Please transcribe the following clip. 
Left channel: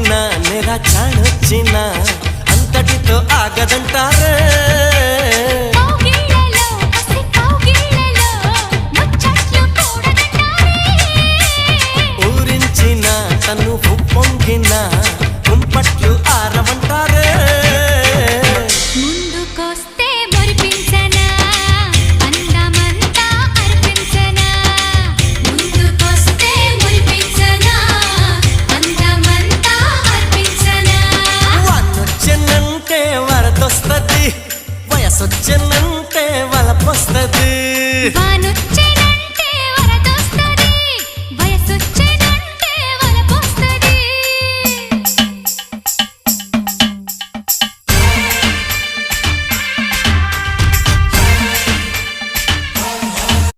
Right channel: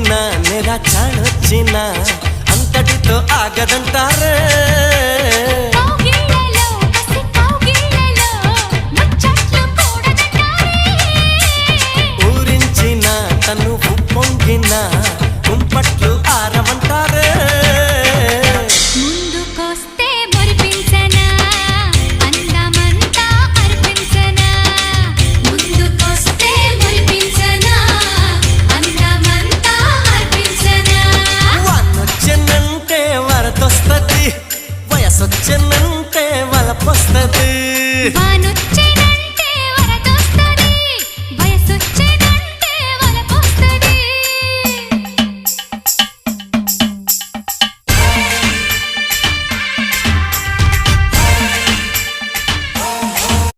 పొంగిన నెర చాణొచ్చిన అంతటితో ఆగదంటారే ఊరించిన తను పొంగిన కుంపట్లు ఆరవంటారే ముందుకొస్తే మురిపించనా అందమంతా అర్పించనా ముందుకొస్తే మురిపించనా అందమంతా అర్పించనా వానొచ్చెనంటే వరదొస్తది వయసొచ్చెనంటే వలపొస్తది వాను